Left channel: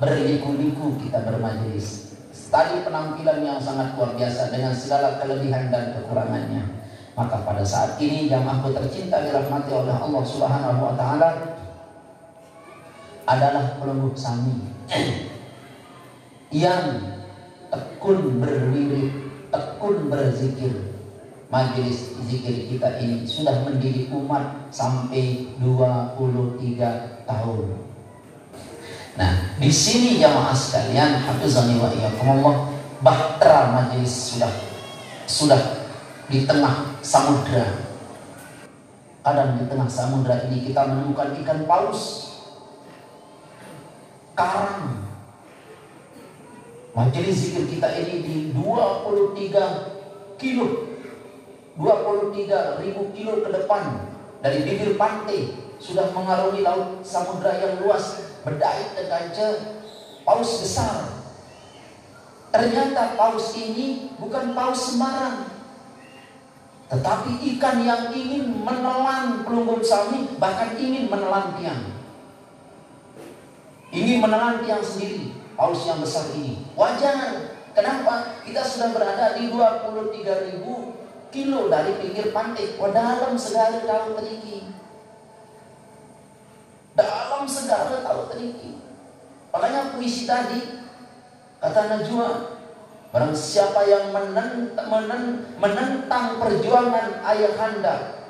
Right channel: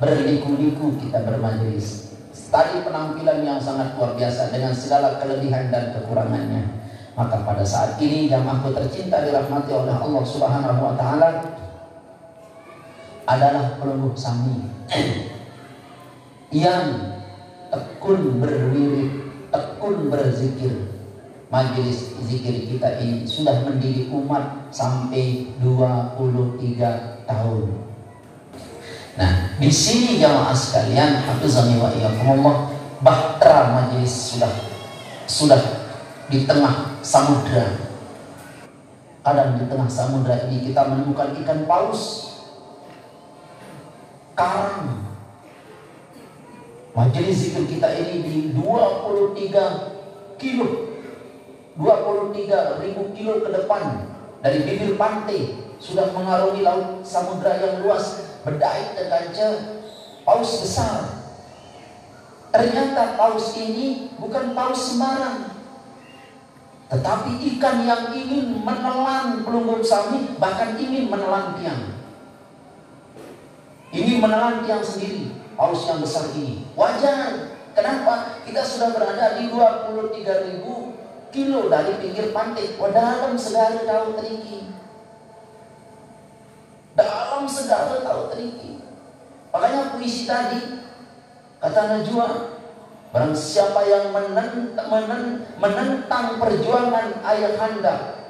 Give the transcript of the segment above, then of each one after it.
berliku-liku kita bermajelis. Tadi penampilan yang sangat luar biasa dengan segala kelebihan dan kekurangannya. Maka pada saat ini jamaahku tercinta dirahmati oleh Allah Subhanahu wa taala adalah peluluh sami yang tekun berwirid, tekun berzikir. Majelis zikir kita ini sudah mendidik umat sampai 23 tahun. Nah, di sini jamaah sekalian, hafizani wa iyyakumullah, bahtera majelis sudah di tengah samudra. Kadang di tengah samudra ini kita menemukan ikan paus, karang. Majelis zikir kita ini di 23 kilo, 23.000 kilo ke depan dari bibir pantai sudah mengarungi laut samudra yang luas, berdait dengan paus besar. Ternyata paus ini bukan paus sembarang, tetapi ikan yang ingin menelan pelunggung sami, bahkan ingin menelan tiang. Ingin menelan tiang sendiri, paus yang besar ini. Wajar. Kenapa? Kita sudah berada di 23.000 kilo dari pinggir pantai. Dalam segala kau teriki. Dalam segala kau teriki. Makanya puisi tadi kata Najwa, barang siapa yang menentang perjuangan ayahanda,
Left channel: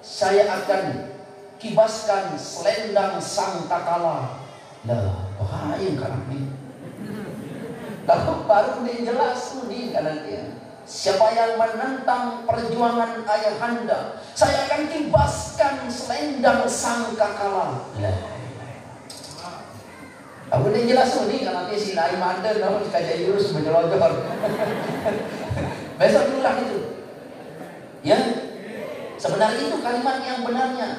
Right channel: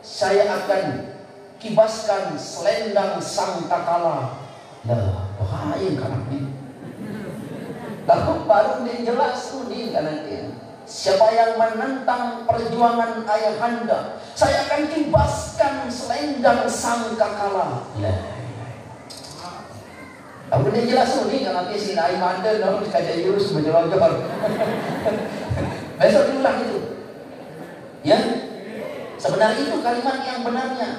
saya akan kibaskan selendang sang kakala. Lah, bahaya kan ini. Lalu baru dia jelas ini kanan dia. Siapa yang menentang perjuangan ayahanda, saya akan kibaskan selendang sang kakala. Aku dia jelas ini kalau si Naim ada kalau sekadar Yunus menjelogor. Besok ulang itu. Ya. Sebenarnya itu kalimat yang benarnya.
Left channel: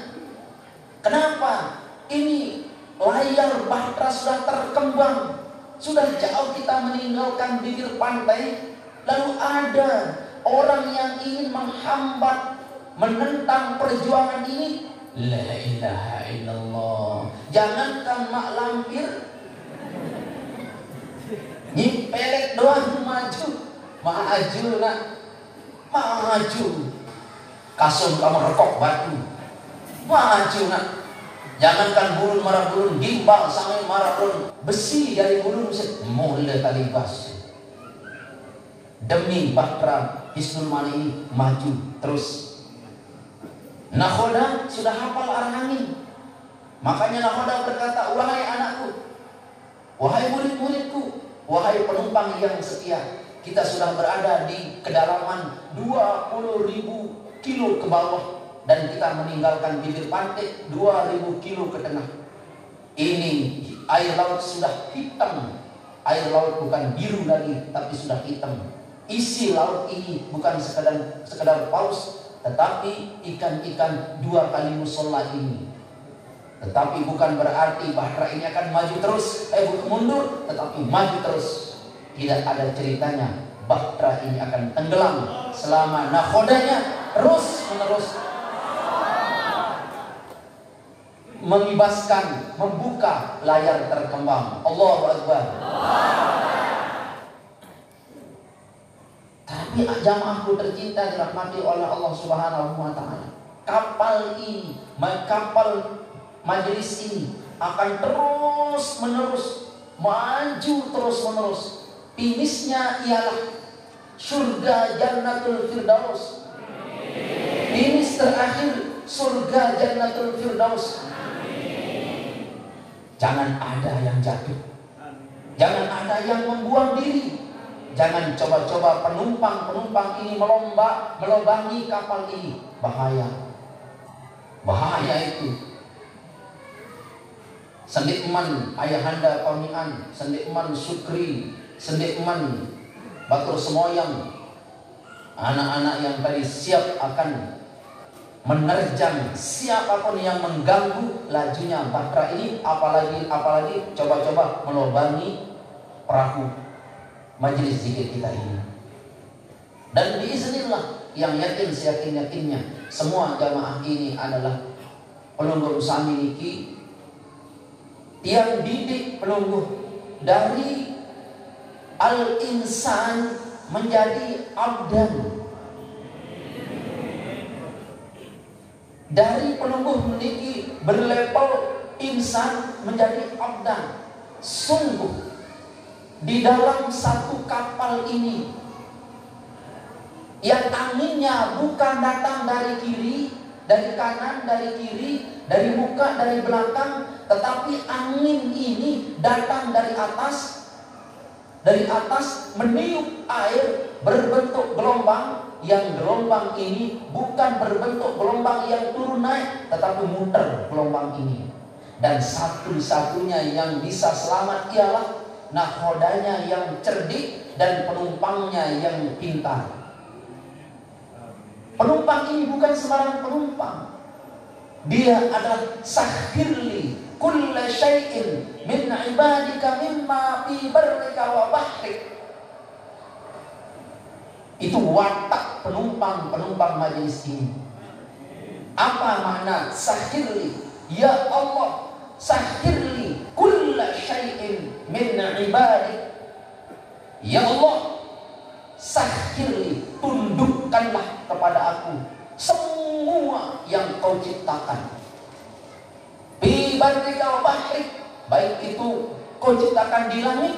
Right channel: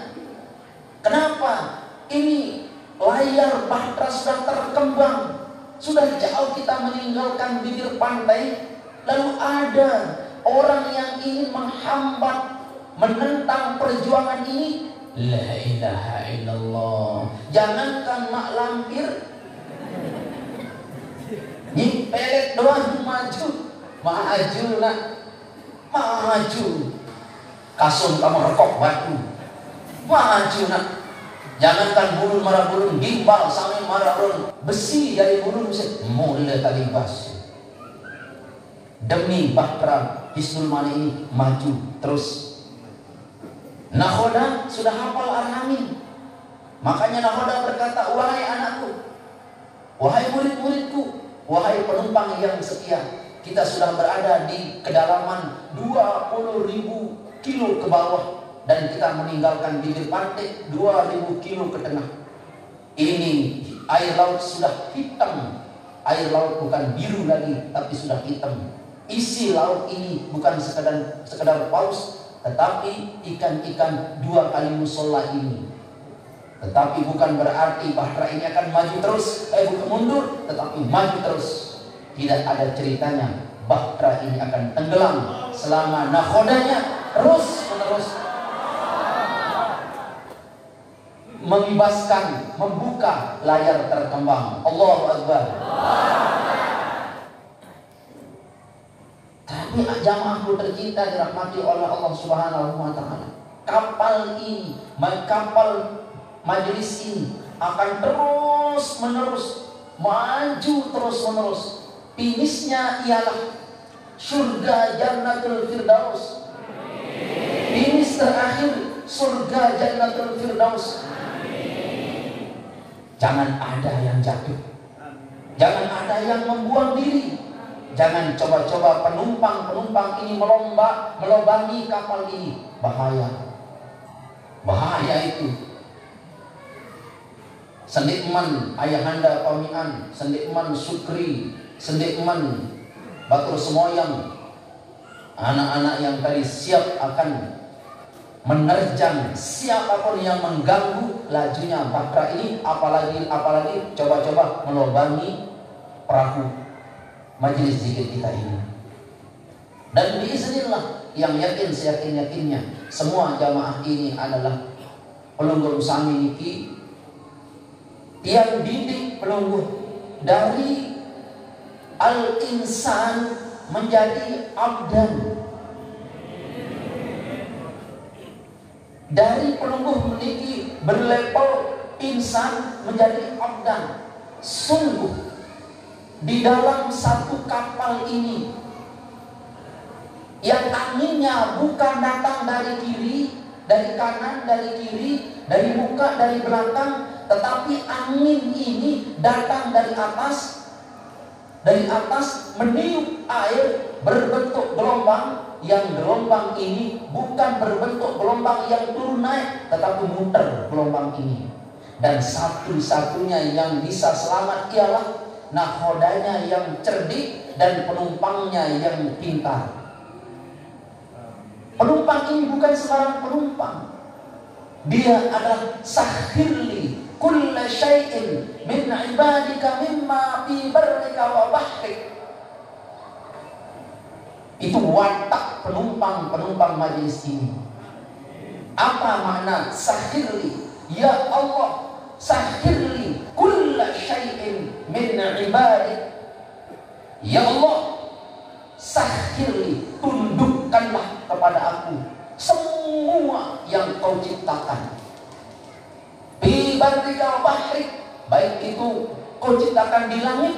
Kenapa? Ini layar bahtera sudah terkembang. Sudah jauh kita meninggalkan bibir pantai. Lalu ada orang yang ingin menghambat, menentang perjuangan ini. La ilaha illallah. Jangankan nak lampir, nyipelet doang maju. Maju nak, maju. Kasum kamu rekok batu, maju nak. Jangankan bulun marah bulun, gimbal sampai marah bulun, besi dari bulun mulai talibas. Demi bahtera Hisnul Mani ini maju terus. Nakhoda sudah hafal Ar-Rahmin. Makanya Nakhoda berkata, wahai anakku, wahai murid-muridku, wahai penumpang yang setia, kita sudah berada di kedalaman 20.000 kilo ke bawah dan kita meninggalkan bibir pantai 2.000 kilo ke tengah. Ini air laut sudah hitam. Air laut bukan biru lagi, tapi sudah hitam. Isi laut ini bukan sekedar paus, tetapi ikan-ikan 2 kali musola ini. Tetapi bukan berarti bahtera ini akan maju terus, bukan mundur, tetapi maju terus. Tidak ada ceritanya bahtera ini akan tenggelam selama nakhodanya terus menerus mengibaskan, membuka layar terkembang. Allahu Akbar. Tapi jamaahku tercinta dirahmati oleh Allah Subhanahu wa taala. Kapal ini, kapal majelis ini akan terus menerus maju terus menerus. Finishnya ialah surga Jannatul Firdaus. Finish terakhir surga Jannatul Firdaus. Jangan ada yang jatuh. Jangan ada yang membuang diri. Jangan coba-coba penumpang ini melobangi kapal ini. Bahaya. Bahaya itu. Sendikman ayahanda pamian, sendikman Sukri, sendikman Batur Semoyang, anak-anak yang tadi siap akan menerjang siapapun yang mengganggu lajunya bahtera ini, apalagi coba-coba melobangi perahu majelis zikir kita ini. Dan biiznillah, yang yakin seyakin-yakinnya, semua jamaah ini adalah pelungguh sami niki, tiang didik pelungguh dari al-insan menjadi abdan. Dari penumbuh meninggi berlevel insan menjadi abdan. Sungguh di dalam satu kapal ini yang anginnya bukan datang dari kiri, dari kanan, dari kiri, dari muka, dari belakang, tetapi angin ini datang dari atas. Dari atas meniup air berbentuk gelombang, yang gelombang ini bukan berbentuk gelombang yang turun naik, tetapi muter gelombang ini. Dan satu-satunya yang bisa selamat ialah nahodanya yang cerdik dan penumpangnya yang pintar. Penumpang ini bukan sembarang penumpang. Dia adalah sakhirli kulla syai'in min ibadika mimma fi barrika wa bahrik. Itu watak penumpang majelis ini. Apa makna sakhirli? Ya Allah, sakhirli kulla syai'in min ibadik. Ya Allah, sakhirli, tundukkanlah kepada aku semua yang kau ciptakan. Bi barrika wa bahrik, baik itu kau ciptakan di langit,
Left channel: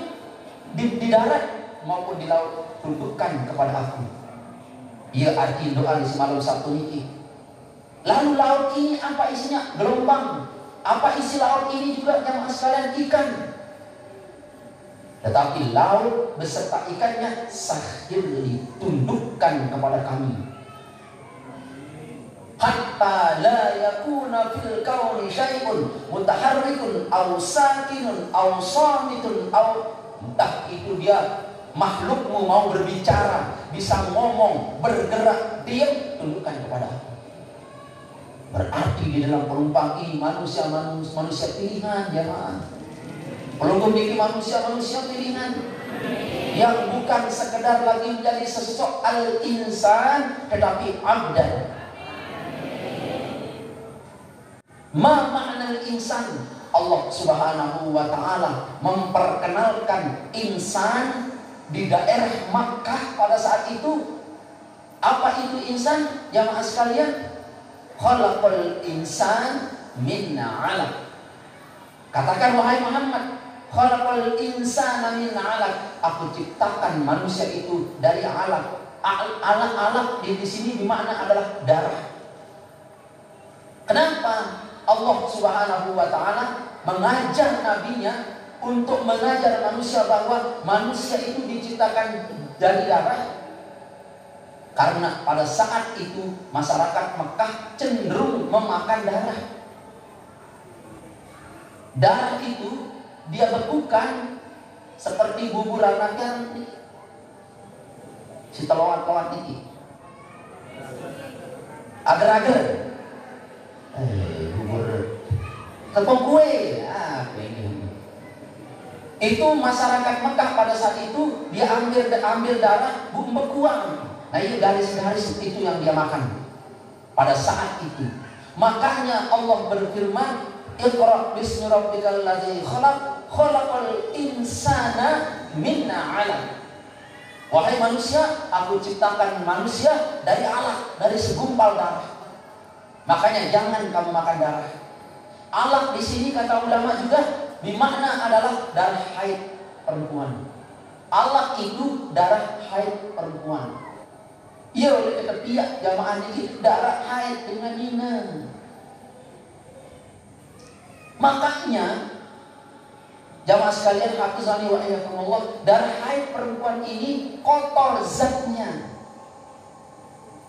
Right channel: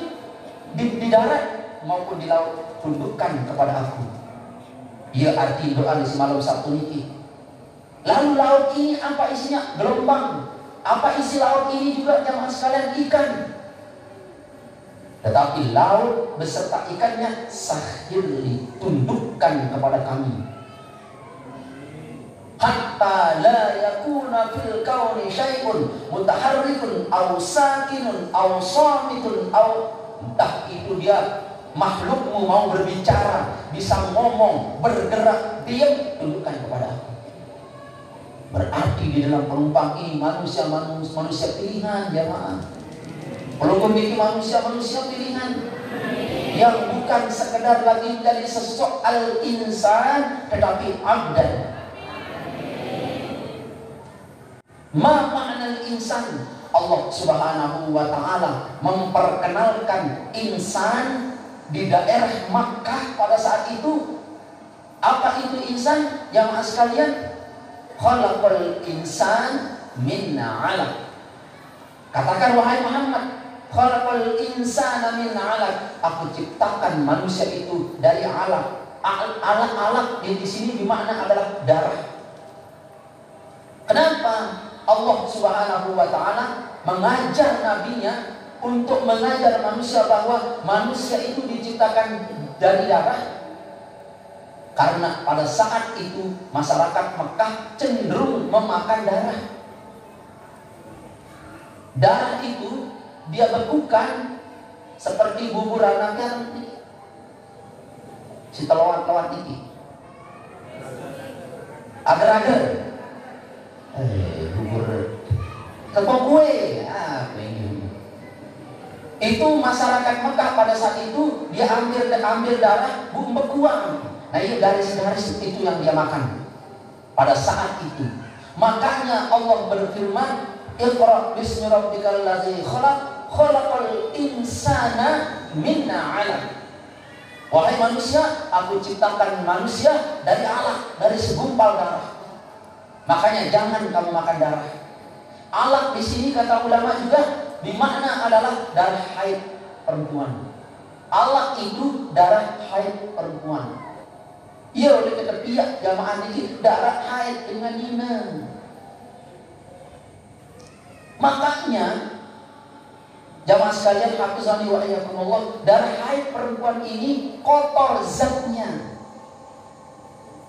di darat maupun di laut, tundukkan kepada aku. Ia arti doa di semalam Sabtu ini. Lalu laut ini apa isinya? Gelombang. Apa isi laut ini juga jamaah sekalian? Ikan. Tetapi laut beserta ikannya sakhirli, tundukkan kepada kami. Hatta la yakuna fil kauni syai'un mutaharrikun aw sakinun aw samitun aw, entah itu dia makhlukmu mau berbicara, bisa ngomong, bergerak, diam, tundukkan kepada aku. Berarti di dalam penumpang ini manusia pilihan, jemaah. Belum memiliki manusia pilihan yang bukan sekedar lagi dari sosok al-insan, tetapi abdan. Ma ma'nal insan? Allah Subhanahu wa ta'ala memperkenalkan insan di daerah Makkah pada saat itu. Apa itu insan? Jamaah sekalian, khalaqal insan min 'alaq. Katakan wahai Muhammad, khalaqal insana min 'alaq. Aku ciptakan manusia itu dari alaq. Alaq di sini bermakna adalah darah. Kenapa Allah Subhanahu wa ta'ala mengajar nabinya untuk mengajar manusia bahwa manusia itu diciptakan dari darah? Karena pada saat itu masyarakat Mekah cenderung memakan darah. Darah itu dia bekukan seperti bubur anak nanti. Si telawat ini agar-agar bubur tepung kue, apa ini? Itu masyarakat Mekah pada saat itu dia ambil darah bekuan. Nah ini garis-garis itu yang dia makan pada saat itu. Makanya Allah berfirman, Iqra bismi rabbikal ladzi khalaq, khalaqal insana min 'alaq. Wahai manusia, aku ciptakan manusia dari alaq, dari segumpal darah. Makanya jangan kamu makan darah. Alaq di sini kata ulama juga bermakna adalah darah haid perempuan. Alaq itu darah haid perempuan. Ia oleh ketepiak jamaah ini darah haid dengan nina. Makanya jamaah sekalian, hafizani wa iyyakumullah, darah haid perempuan ini kotor zatnya,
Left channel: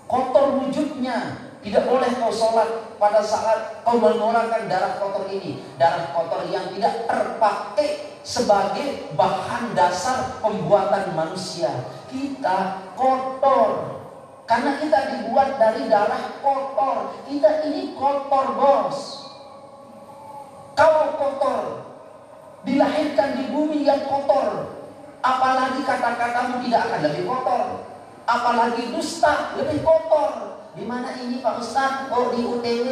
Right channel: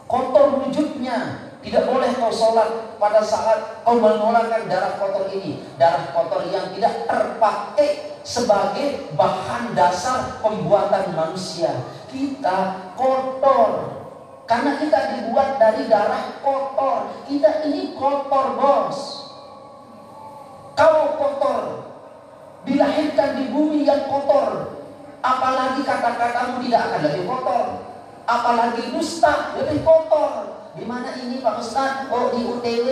kotor wujudnya. Tidak boleh kau sholat pada saat kau mengeluarkan darah kotor ini. Darah kotor yang tidak terpakai sebagai bahan dasar pembuatan manusia. Kita kotor karena kita dibuat dari darah kotor. Kita ini kotor, bos. Kau kotor, dilahirkan di bumi yang kotor, apalagi kata-katamu tidak akan lebih kotor. Apalagi dusta lebih kotor. Di mana ini Pak Ustaz? Oh di UTW.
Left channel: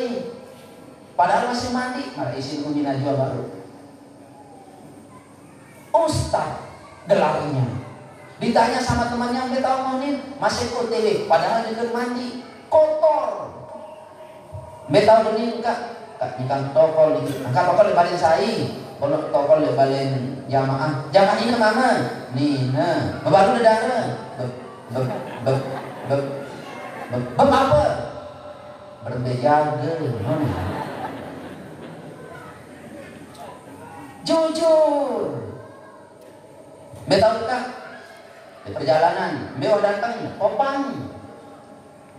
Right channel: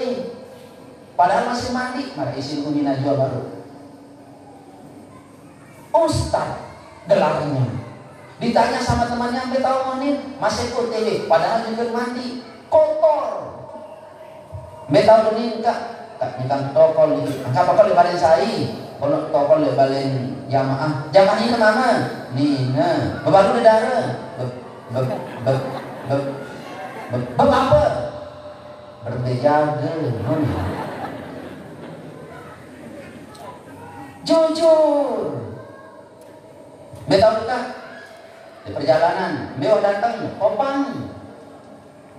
Padahal masih mandi. Mari isi punya jual baru. Ustaz gelarnya. Ditanya sama temannya, "Ambe tahu manin?" "Masih OTW." Padahal juga mandi kotor. "Ambe tahu ini enggak?" "Enggak, nikang tokol itu." "Enggak apa-apa lebalin saya." "Kalau tokol lebalin jamaah." "Jamaah ini mana?" "Nih, nah, baru negara." Apa? Berdejaga. Jujur. Betul kan? Di perjalanan, beliau datang kopang,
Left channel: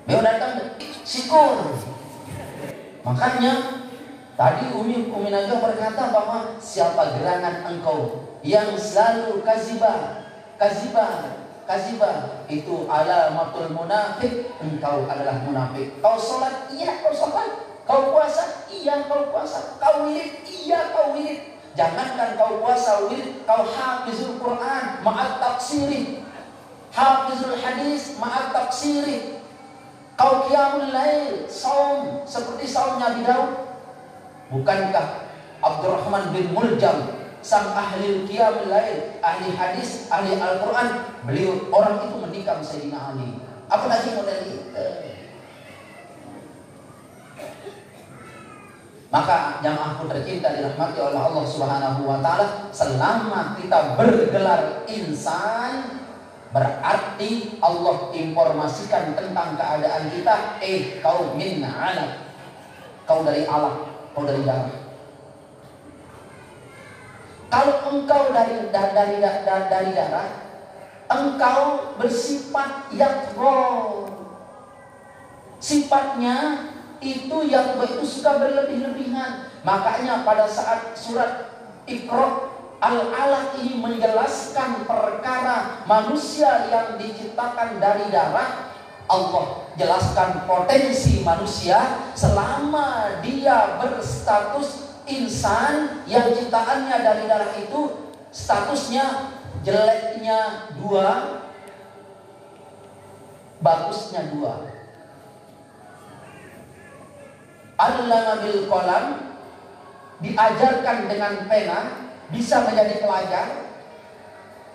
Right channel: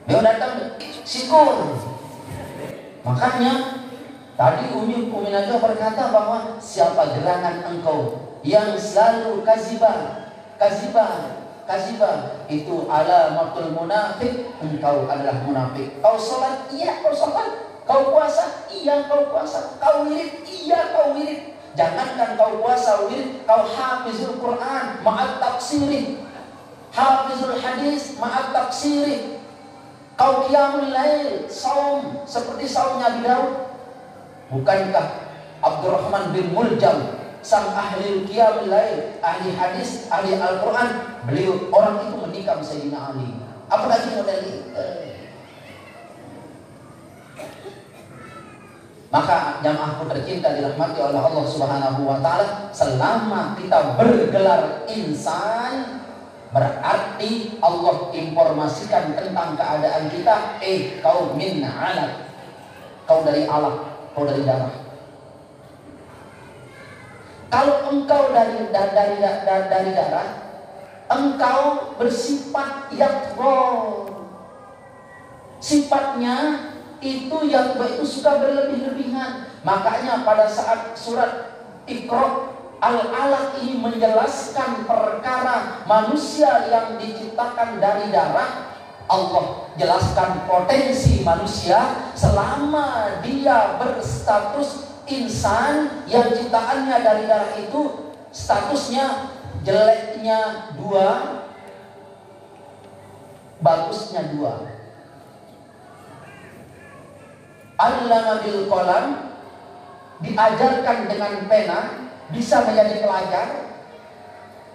beliau datang sikur. Makanya tadi Umi Naga berkata bahwa siapa gerangan engkau yang selalu kazibah itu alamatul munafik, engkau adalah munafik. Kau sholat, iya kau sholat. Kau puasa, iya kau puasa. Kau wirid, iya kau wirid. Jangankan kau puasa wirid, kau hafizul Quran ma'at tafsiri, hafizul hadis ma'at tafsiri. Kau qiyamul lail, saum seperti saumnya Nabi Daud. Bukankah Abdurrahman bin Muljam, sang ahli qiyamul lail, ahli hadis, ahli Al-Quran, beliau orang itu menikam Sayyidina Ali. Apalagi model itu. Maka jamaahku tercinta dirahmati oleh Allah Subhanahu wa taala, selama kita bergelar insan, berarti Allah informasikan tentang keadaan kita, kau min alaq. Kau dari alaq, kau dari darah. Kalau engkau dari darah, engkau bersifat yatgha. Sifatnya itu yatgha itu suka berlebih-lebihan. Makanya pada saat surat Iqra Al-Alaq ini menjelaskan perkara manusia yang diciptakan dari darah, Allah jelaskan potensi manusia selama dia berstatus insan yang ciptaannya dari darah itu, statusnya jeleknya 2, bagusnya 2. Allama bil qalam, diajarkan dengan pena, bisa menjadi pelajar.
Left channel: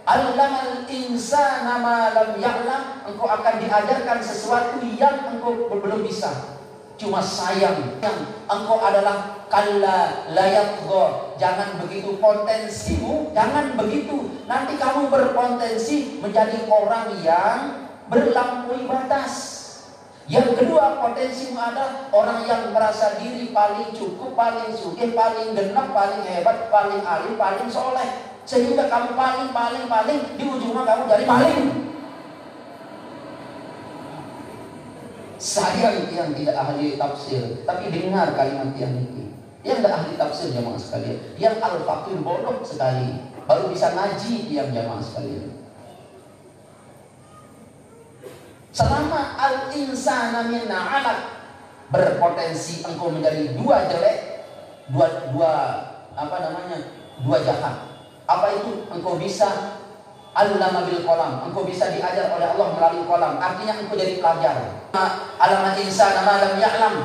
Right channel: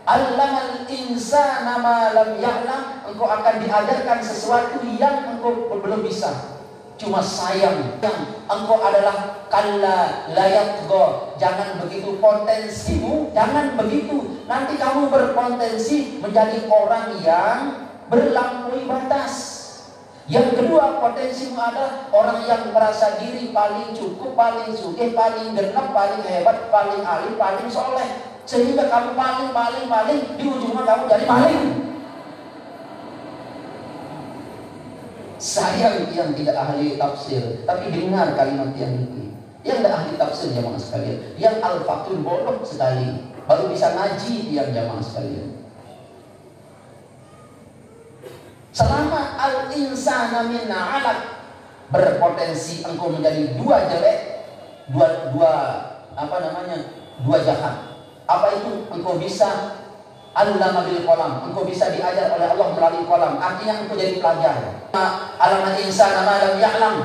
Allamal insana ma lam ya'lam, engkau akan diajarkan sesuatu yang engkau belum bisa. Cuma sayang, engkau adalah kalla la yatgha. Jangan begitu potensimu, jangan begitu. Nanti kamu berpotensi menjadi orang yang berlampaui batas. Yang kedua, potensimu adalah orang yang merasa diri paling cukup, paling sugih, paling genap, paling hebat, paling alim, paling soleh. Sehingga kamu paling di ujungnya kamu jadi maling. Saya yang tidak ahli tafsir, tapi dengar kalimat yang itu. Yang tidak ahli tafsir jamaah sekalian, yang al-faqih bodoh sekali, baru bisa ngaji yang jamaah sekalian. Selama al-insana min alaq, berpotensi engkau menjadi 2 jelek, dua jahat. Apa itu? Engkau bisa allama bil qalam, engkau bisa diajar oleh Allah melalui qalam, artinya engkau jadi pelajar. Allama insana ma lam ya'lam,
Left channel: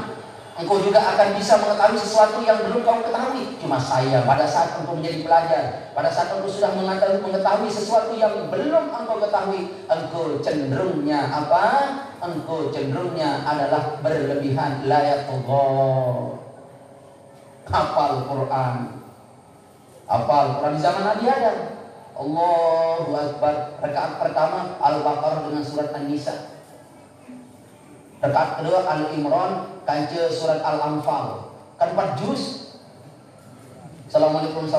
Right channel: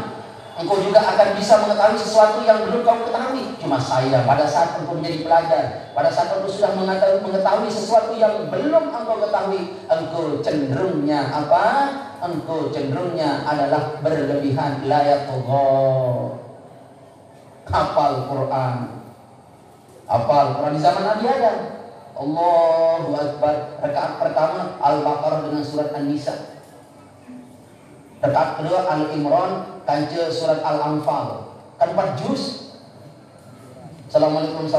engkau juga akan bisa mengetahui sesuatu yang belum kau ketahui. Cuma sayang, pada saat engkau menjadi pelajar, pada saat engkau sudah mengetahui sesuatu yang belum engkau ketahui, engkau cenderungnya apa? Engkau cenderungnya adalah berlebihan, la yatgha. Hafal Quran di zaman Nabi Adam. Allahu Akbar. Rakaat pertama Al-Baqarah dengan surat An-Nisa. Rakaat kedua Al-Imran kanca surat Al-Anfal. Kan 4 juz. Assalamualaikum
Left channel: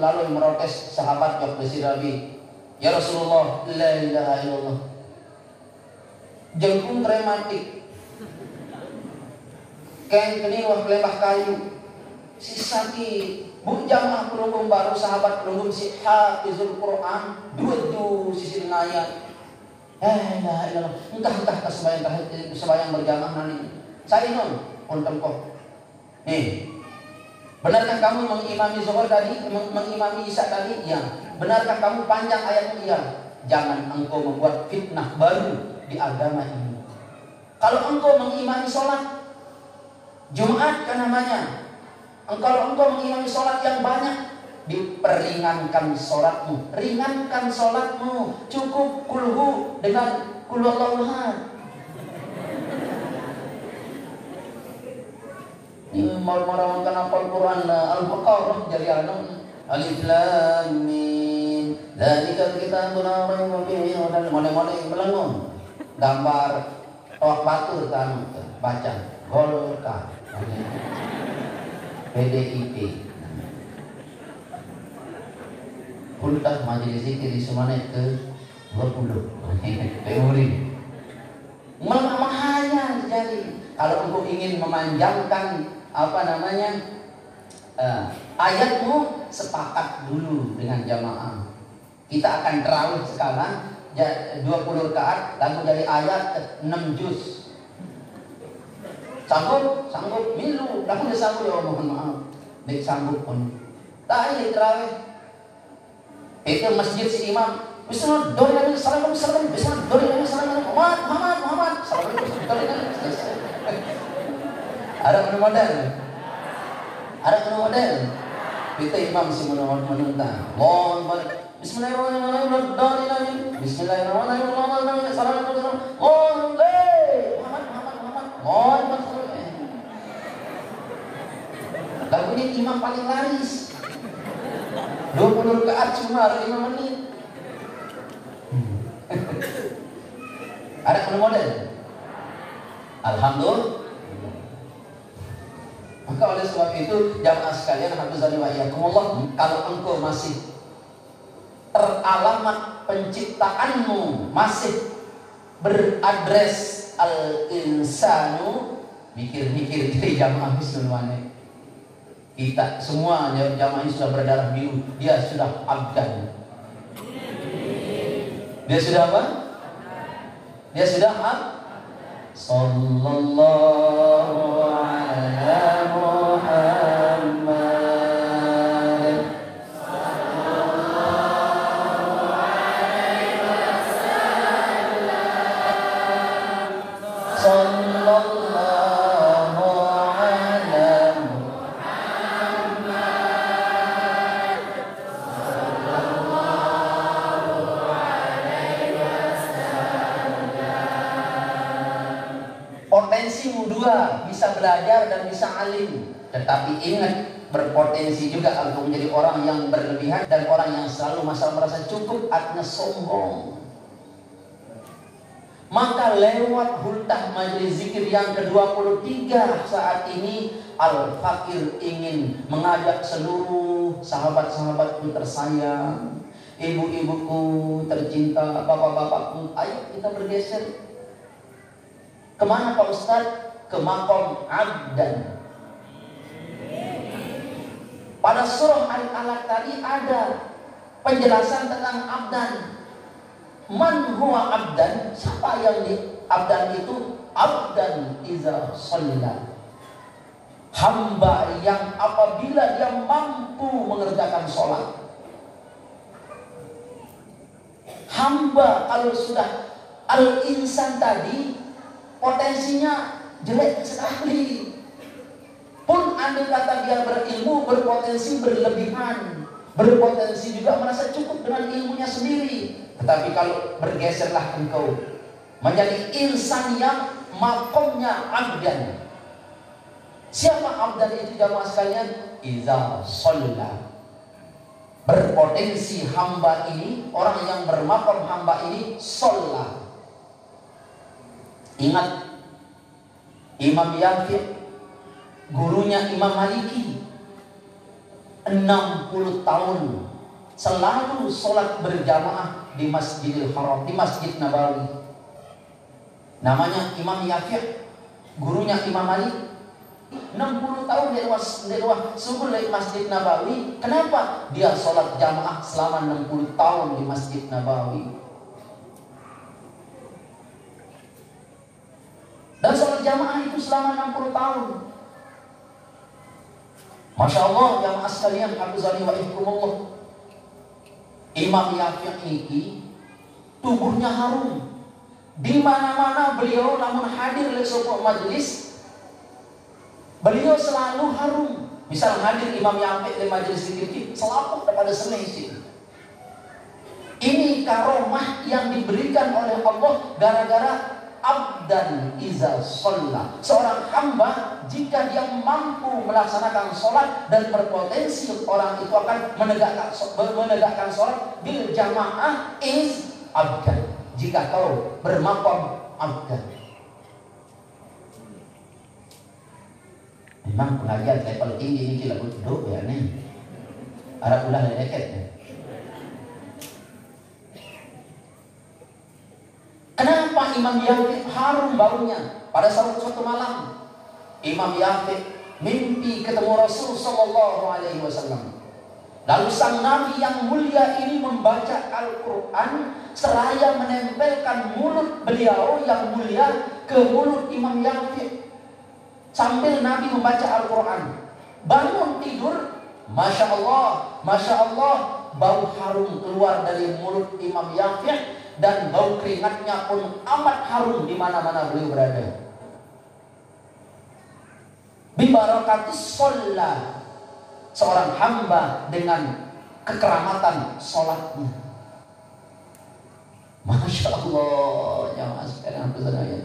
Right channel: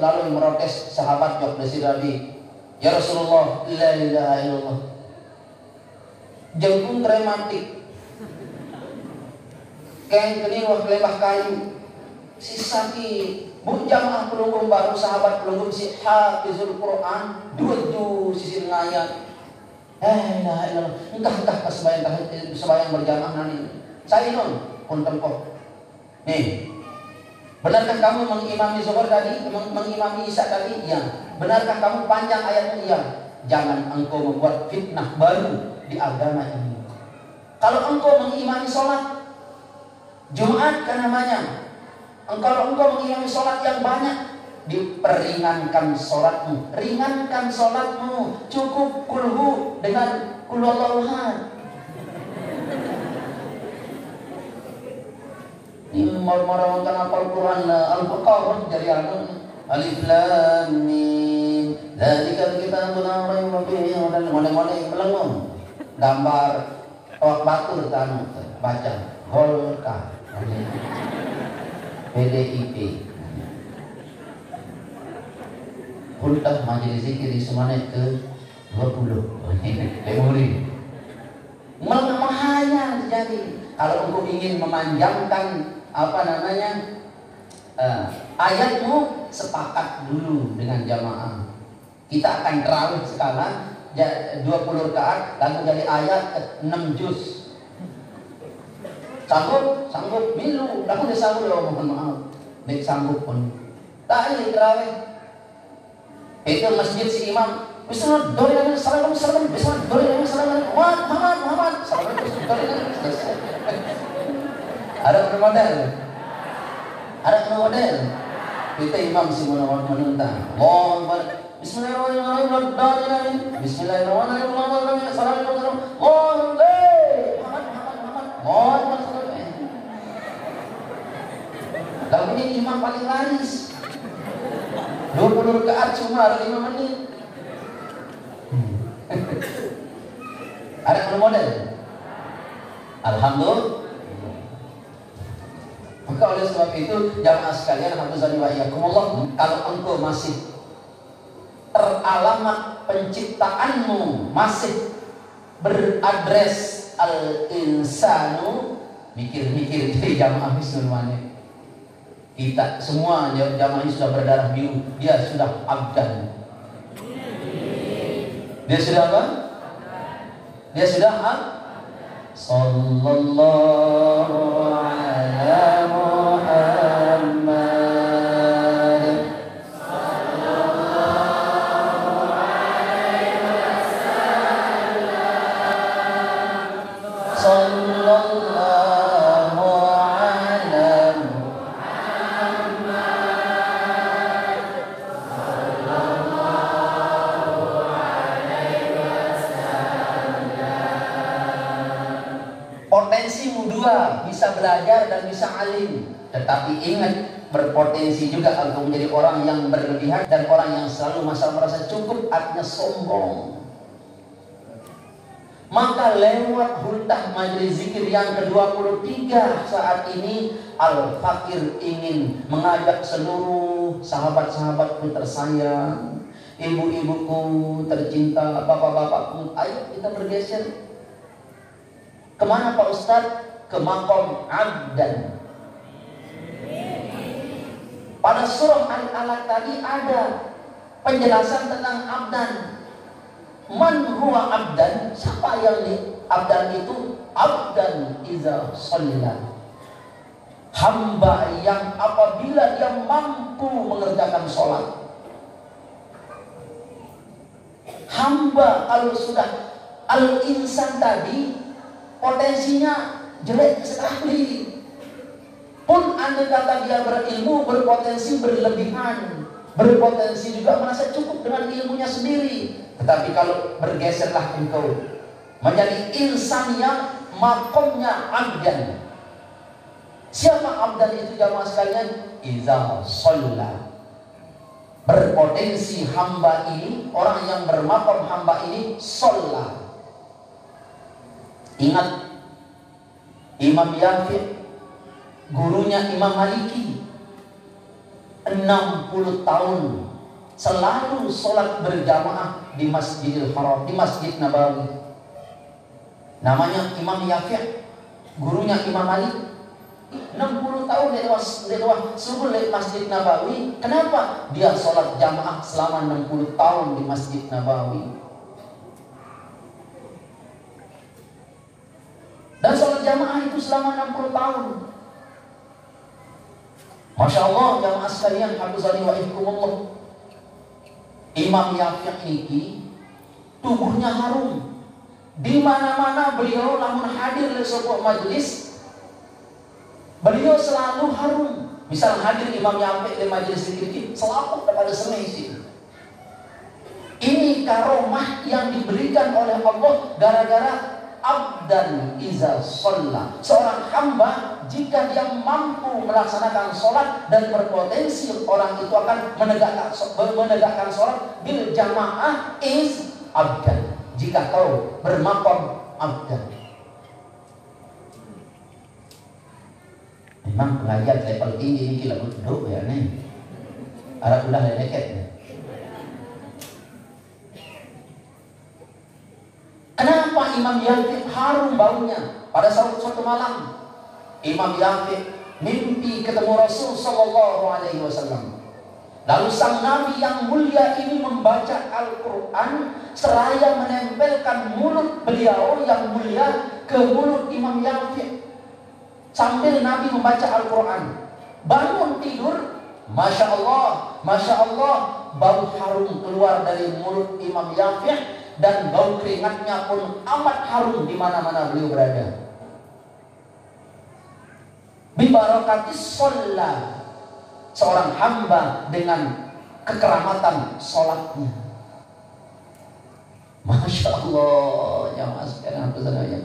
lalu merotes sahabat jawab besi Nabi, "Ya Rasulullah, la ilaha illallah." Jengkung dramatik. Kain kini wah lembah kayu. Si sakit. Bu jamaah pelunggung baru sahabat pelunggung si hafizul Quran 2 juz sisi ngayat. Entah sembahyang berjamaah nanti. Saya non punten kok. Nih. Benarkah kamu mengimami zuhur tadi, mengimami isya tadi? Ya. Benarkah kamu panjang ayatnya? Ya. Jangan engkau membuat fitnah baru di agama ini. Kalau engkau mengimami sholat Jumat kan namanya, kalau engkau mengimami sholat yang banyak, diperingankan sholatmu. Ringankan sholatmu, cukup kulhu dengan kulhu ahad. Mau kan Al-Quran Al-Baqarah jadi Alif Lam Mim Dzalikal kitabul la raiba fihi hudan mulai belum gambar batur kan baca Golkar PDIP Ultah majelis zikir semuanya ke 20 memori hanya jadi kalau engkau ingin memanjangkan ayatmu, sepakat dulu dengan jamaah. Kita akan terawih sekarang 20 rakaat lalu dari ayat 6 juz. Sanggup milu, lalu disambut mohon maaf. Baik sanggup pun. Tak ini terawih. Itu masjid si imam. Besar doi lagi salam besar doi lagi salam Muhammad salam. Ada model. Kita imam semua menentang. Bismillahirrahmanirrahim. Bismillahirrahmanirrahim. Lagu ini imam paling laris. 20 rakaat cuma 5 menit. Ada model. Alhamdulillah. Maka oleh sebab itu jamaah sekalian hafizani wa iyyakumullah, kalau engkau masih teralamat penciptaanmu masih beradres al-insanu, mikir-mikir dari jamaah semuanya. Kita semua jamaah ini sudah berdarah biru, dia sudah abdan. Dia sudah apa? Dia sudah apa? Sallallahu ala Muhammad sallallahu alaihi wasallam sallallahu ala Muhammad sallallahu alaihi wasallam. Potensimu dua, bisa belajar dan bisa alim. Tetapi ingat, berpotensi juga untuk menjadi orang yang berlebihan dan orang yang selalu merasa cukup, artinya sombong. Maka lewat hultah majelis zikir yang ke-23 saat ini, Al-Fakir ingin mengajak seluruh sahabat-sahabatku tersayang, ibu-ibuku tercinta, bapak-bapakku, ayo kita bergeser. Kemana Pak Ustadz? Ke maqam abdan. Pada surah Al-Alaq tadi ada penjelasan tentang abdan. Man huwa abdan? Siapa yang abdan itu? Abdan iza shalla. Hamba yang apabila dia mampu mengerjakan sholat. Hamba kalau sudah al-insan tadi potensinya jelek sekali. Pun andai kata dia berilmu, berpotensi berlebihan, berpotensi juga merasa cukup dengan ilmunya sendiri. Tetapi kalau bergeserlah engkau menjadi insan yang makomnya abdan. Siapa abdan itu jamaah sekalian? Iza shalla. Berpotensi hamba ini, orang yang bermakom hamba ini shalla. Ingat Imam Yafi', gurunya Imam Maliki, 60 tahun selalu sholat berjamaah di Masjidil Haram, di Masjid Nabawi. Namanya Imam Yafi', gurunya Imam Malik. 60 tahun lewat subuh di Masjid Nabawi. Kenapa? Dia sholat jamaah selama 60 tahun di Masjid Nabawi. Dan sholat jamaah itu selama 60 tahun. Masya Allah, jamaah sekalian, hafizani wa iyyakumullah. Imam Yafi' ini tubuhnya harum. Di mana-mana beliau namun hadir di suatu majelis, beliau selalu harum. Misal hadir Imam Yafi' di majelis zikir, selaput daripada semesi. Ini karomah yang diberikan oleh Allah gara-gara abdan iza sholla. Seorang hamba jika dia mampu melaksanakan sholat dan berpotensi orang itu akan menegakkan sholat bil jamaah is abdan. Jika kau bermaqam abdan. Memang pelajar level tinggi ini kira duduk ya nih. Ada ulah dekat. Kenapa Imam Yafiq harum baunya? Pada suatu malam Imam Yafiq mimpi ketemu Rasul sallallahu alaihi wasallam. Lalu sang Nabi yang mulia ini membaca Al-Quran seraya menempelkan mulut beliau yang mulia ke mulut Imam Yafiq. Sambil Nabi membaca Al-Quran, bangun tidur, Masya Allah, bau harum keluar dari mulut Imam Yafiq. Dan bau keringatnya pun amat harum di mana-mana beliau berada. Bibarakatis sholat, seorang hamba dengan kekeramatan sholatnya. Masya Allah, jamaah sekalian pesannya.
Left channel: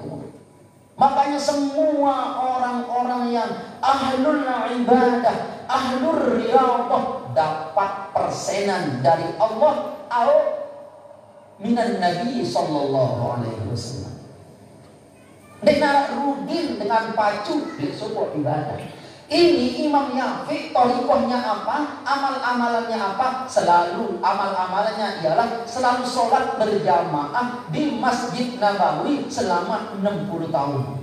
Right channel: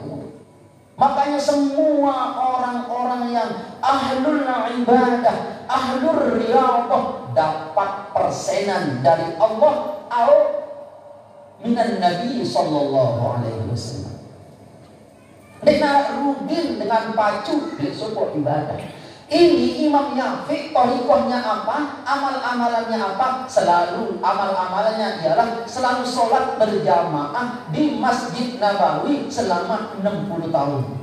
Makanya semua orang-orang yang ahlul ibadah, ahlul riyadhah dapat persenan dari Allah atau minan Nabi sallallahu alaihi wasallam. Dengan rudin, dengan pacu di sebuah ibadah. Ini Imam Yafiq thariqahnya apa? Amal-amalannya apa? Selalu amal-amalannya ialah selalu sholat berjamaah di Masjid Nabawi selama 60 tahun.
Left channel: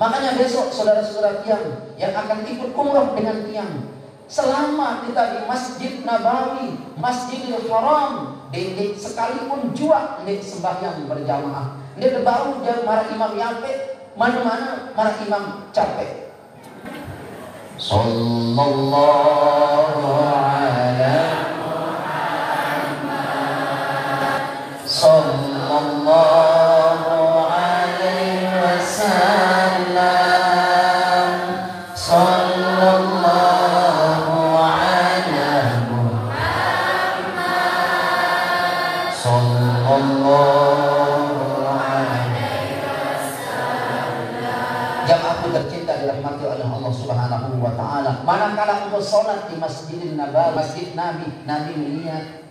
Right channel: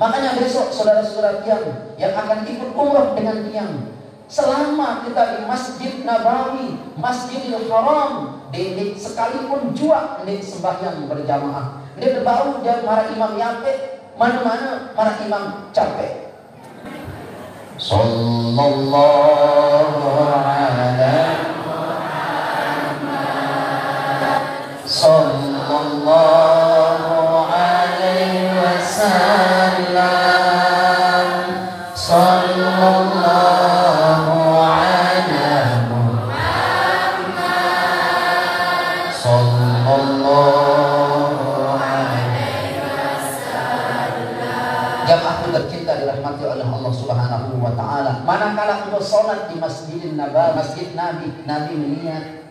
Makanya besok saudara-saudara yang akan ikut umrah dengan tiang, selama kita di Masjid Nabawi, Masjidil Haram, ini sekalipun jua ini sembahyang berjamaah. Ini baru marah Imam Yafiq, mana-mana marah Imam capek. Sallallahu ala Muhammad, sallallahu alaihi wasallam, sallallahu ala Muhammad, sallallahu alaihi wasallam. Jamaah tercinta dirahmati oleh Allah Subhanahu wa taala. Manakala engkau salat di Masjidil Nabawi, Masjid Nabi, Nabi melihat.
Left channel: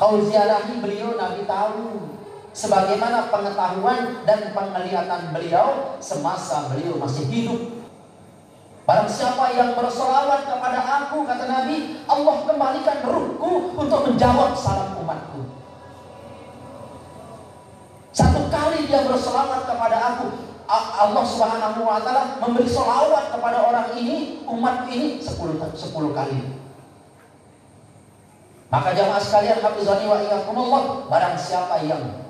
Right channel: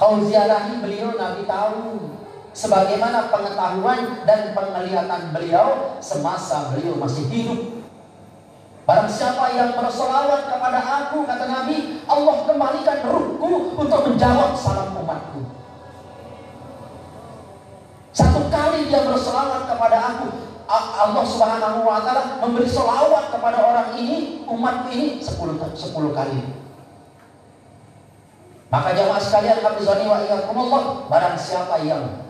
Kau ziarahi beliau, Nabi tahu. Sebagaimana pengetahuan dan penglihatan beliau semasa beliau masih hidup. Barang siapa yang bersolawat kepada aku, kata Nabi, Allah kembalikan ruhku untuk menjawab salam umatku. Satu kali dia bersolawat kepada aku, Allah Subhanahu wa taala memberi sholawat kepada orang ini, umat ini 10 kali. Maka jamaah sekalian, hafizani wa iyyakumullah, barang siapa yang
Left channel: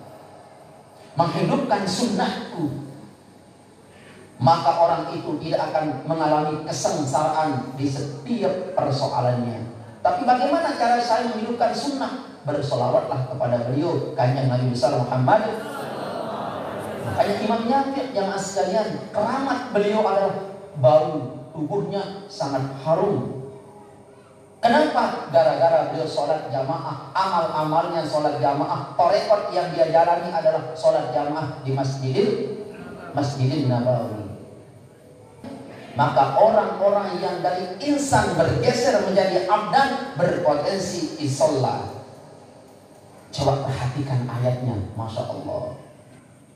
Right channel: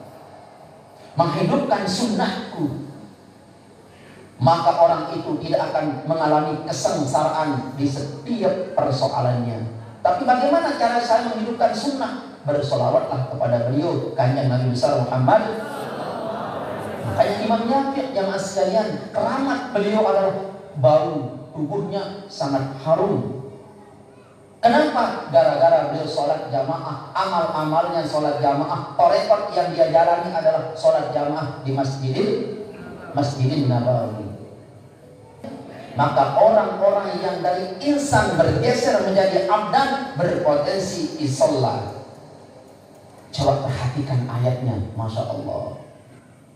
menghidupkan sunnahku, maka orang itu tidak akan mengalami kesengsaraan di setiap persoalannya. Tapi bagaimana cara saya menghidupkan sunnah? Bersolawatlah kepada beliau, kanjeng Nabi besar Muhammad. Makanya Imam Yafiq jamaah sekalian, keramat beliau adalah bau tubuhnya sangat harum. Kenapa? Gara-gara beliau sholat jamaah, amal-amalnya sholat jamaah. Thariqah yang dia jalani adalah sholat jamaah di Masjidil Nabawi. Maka orang-orang yang dari insan bergeser menjadi abdan berpotensi isolah. Coba perhatikan ayatnya, Masya Allah.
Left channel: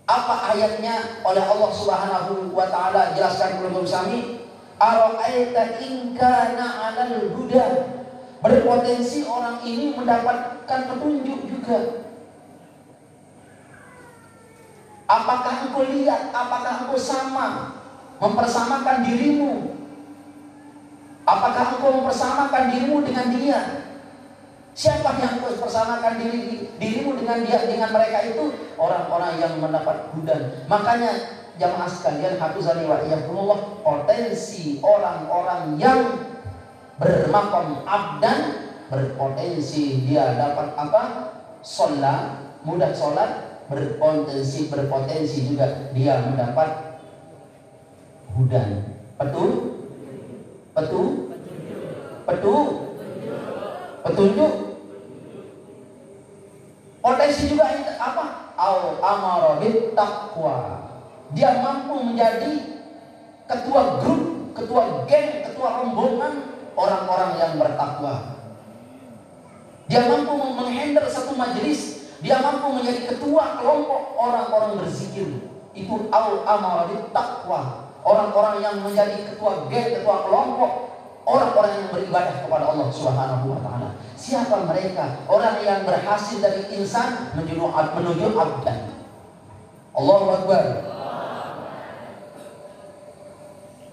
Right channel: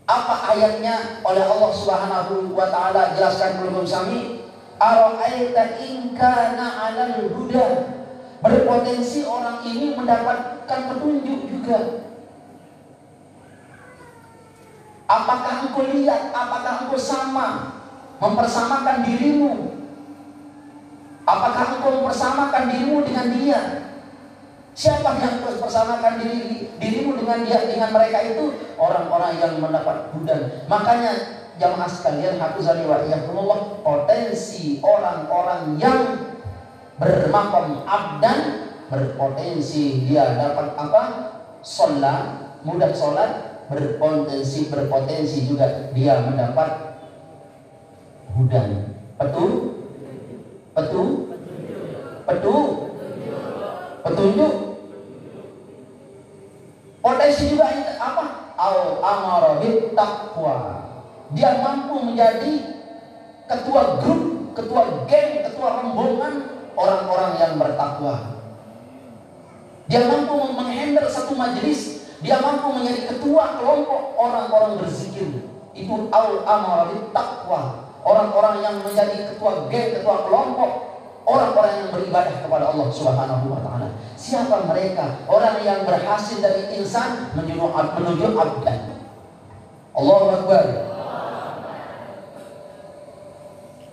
Apa ayatnya oleh Allah Subhanahu wa taala jelaskan belum kami? Ara'aita in kana 'alal huda. Berpotensi orang ini mendapatkan petunjuk juga. Apakah engkau lihat, apakah engkau sama mempersamakan dirimu? Apakah engkau mempersamakan dirimu dengan dia? Siapa yang engkau persamakan dirimu dengan dia, dengan mereka itu? Orang-orang yang mendapat hudan. Makanya jamaah sekalian, hafizani wa iyyakumullah, potensi orang-orang yang bermaqam abdan berpotensi dia dapat apa? Sholat, mudah sholat, berpotensi juga dia mendapat hudan. Betul? petunjuk. Potensi juga apa? Al-amara bit taqwa. Dia mampu menjadi ketua grup, ketua geng, ketua rombongan orang-orang yang bertakwa. Dia mampu menghandle satu majelis. Dia mampu menjadi ketua kelompok orang-orang berzikir. Itu al-amara bit taqwa. Orang-orang yang menjadi ketua geng, ketua kelompok orang-orang yang beribadah kepada Allah Subhanahu wa taala. Siapa mereka? Orang yang berhasil dari insan menuju abdan. Allahu Akbar.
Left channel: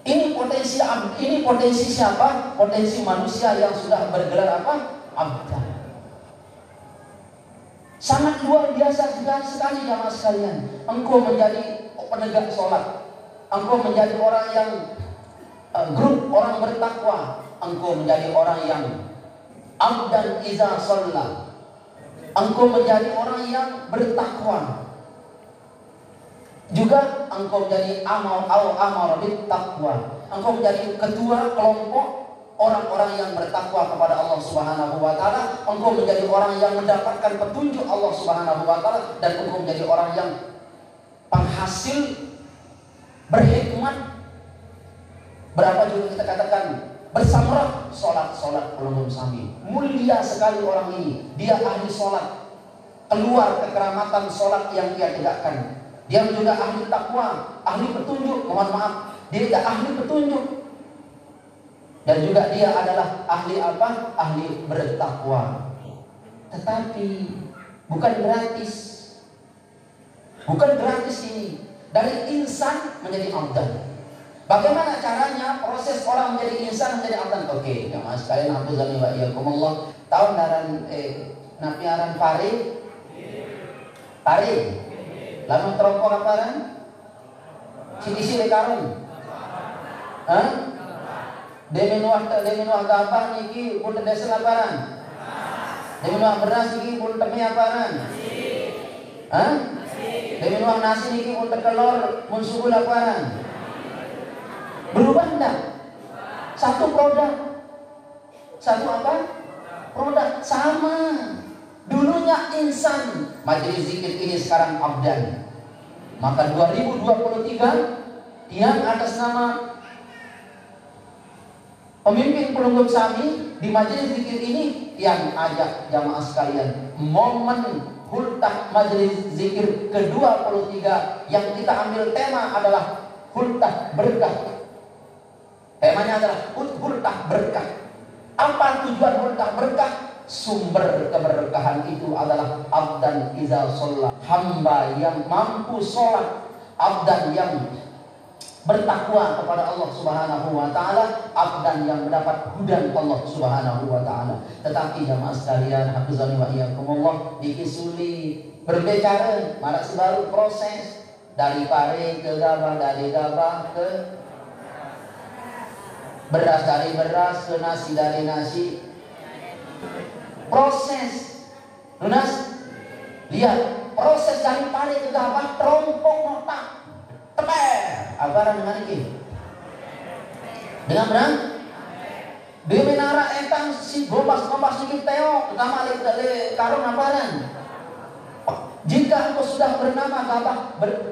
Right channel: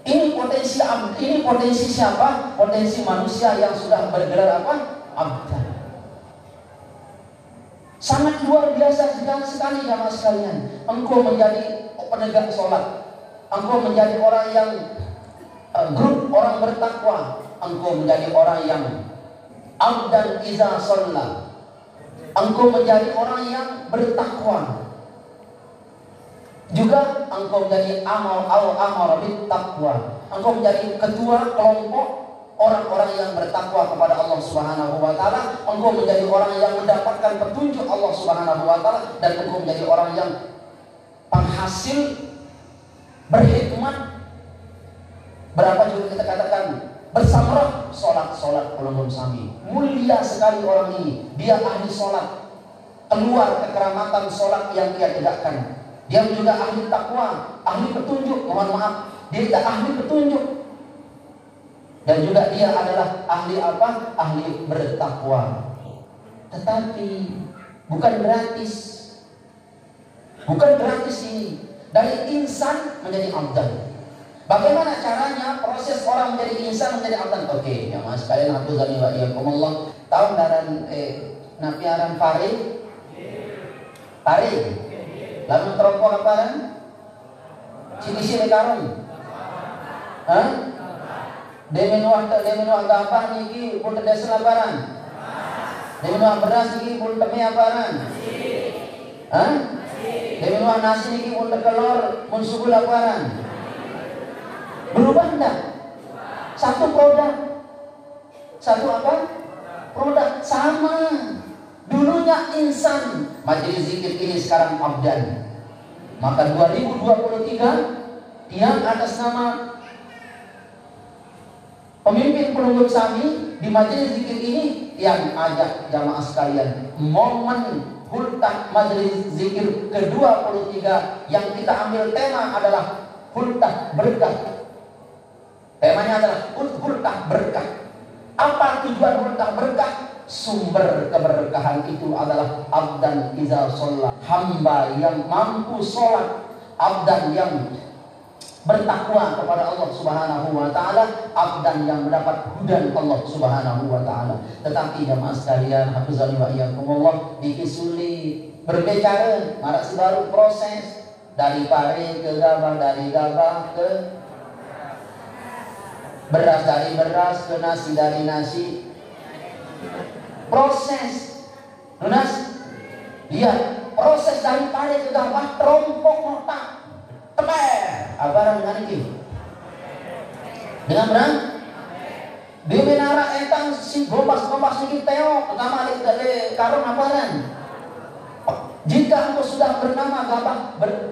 Ini potensi siapa? Potensi manusia yang sudah bergelar apa? Abdan. Sangat luar biasa sekali jamaah sekalian. Engkau menjadi penegak sholat. Engkau menjadi orang yang grup orang bertakwa. Engkau menjadi orang yang abdan iza sholat. Engkau menjadi orang yang bertakwa. Juga engkau menjadi amal bit taqwa. Engkau menjadi ketua kelompok orang-orang yang bertakwa kepada Allah Subhanahu wa taala. Engkau menjadi orang yang mendapatkan petunjuk Allah Subhanahu wa taala, dan engkau menjadi orang yang penghasil berhikmat. Berapa juga kita katakan bersamrah sholat belum sami. Mulia sekali orang ini. Dia ahli sholat. Keluar kekeramatan sholat yang dia tegakkan. Dia juga ahli takwa, ahli petunjuk. Mohon maaf, dia tidak ahli petunjuk. Dan juga dia adalah ahli apa? Ahli bertakwa. Tetapi bukan gratis. Bukan gratis ini. Dari insan menjadi abdan. Bagaimana caranya proses orang menjadi insan menjadi abdan? Oke, jamaah sekalian, aku Allah tahu napi aran pare. Lalu terokok apa kan? Sini karon. Hah? Demenu agama niki pun desa laparan. Demenu beras niki pun temi aparan. Hah? Demenu nasi niki pun telur mun subuh laparan. Berubah enggak? Satu produk. Satu apa? Produk sama. Dulunya insan, majelis zikir ini sekarang abdan. Maka 2023 yang atas nama pemimpin pelunggur Sami di majelis zikir ini yang ajak jamaah sekalian momen hultah majelis zikir ke-23 yang kita ambil tema adalah hultah berkah. Temanya adalah hultah berkah. Apa tujuan hultah berkah? Sumber keberkahan itu adalah abdan iza sholat, hamba yang mampu sholat, abdan yang bertakwa kepada Allah Subhanahu wa taala, abdan yang mendapat hudan Allah Subhanahu wa taala. Tetapi jamaah sekalian, hafizani wa iyyakumullah, dikisuli berbicara masih baru proses dari pare ke gabah, dari gabah ke beras, dari beras ke nasi, dari nasi. Proses, lunas, lihat proses dari pare ke gabah, terompong otak, teper, apa dengan ini? Dengan benar? Di menara entang si bombas sedikit teo, utama dari karun aparan. Jika engkau sudah bernama gabah,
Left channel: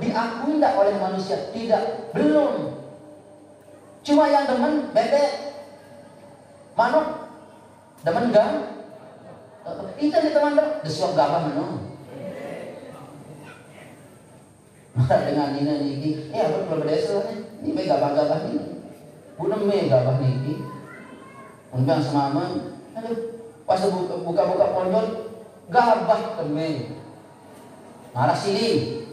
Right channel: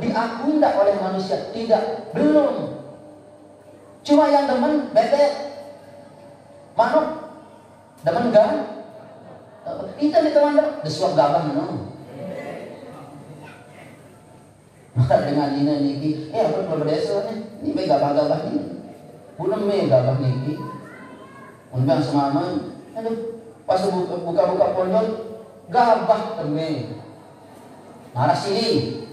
diakui tidak oleh manusia? Tidak, belum. Cuma yang demen bebek, manuk, demen gam. Itu di teman-teman, desuang gabah menung. Maka dengan ini, aku berbeza nih, ini gabah-gabah ini, bukan gabah ini. Undang semaman, pas buka pondok, gabah keme. Marah sini,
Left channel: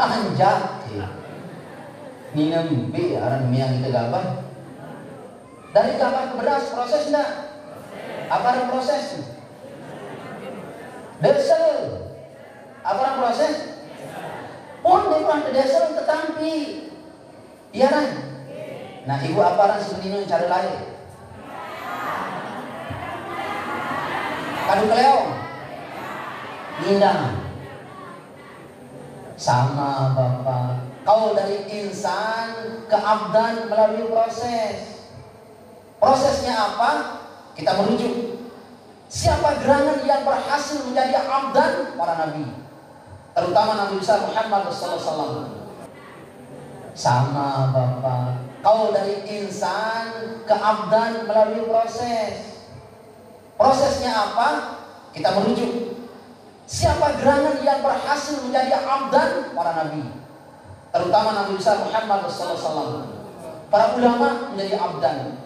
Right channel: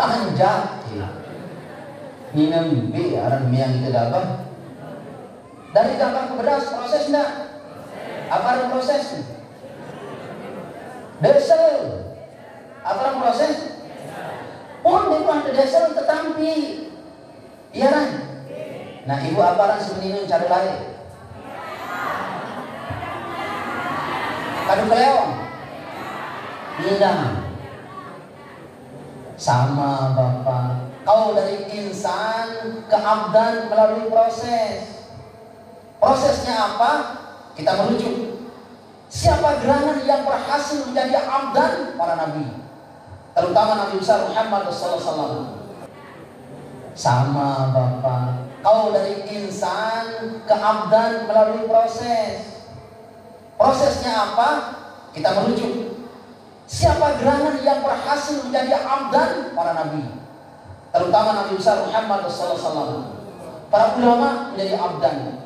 anjak. Minum orang yang kita gabah. Dari gabah ke beras proses enggak? Apa proses? Desel. Apa proses? Pun itu ada desel tetapi iya kan? Nah, ibu apa sebenarnya cari lain? Kadu keleong. Nindang. Sama Bapak. Kau dari insan ke abdan melalui proses. Kita merujuk siapa gerangan yang berhasil menjadi abdan para nabi, terutama Nabi besar Muhammad SAW. Sama Bapak, kau dari insan ke abdan melalui proses. Prosesnya apa? Kita merujuk siapa gerangan yang berhasil menjadi abdan para nabi, terutama Nabi besar Muhammad SAW. Para ulama menjadi abdan.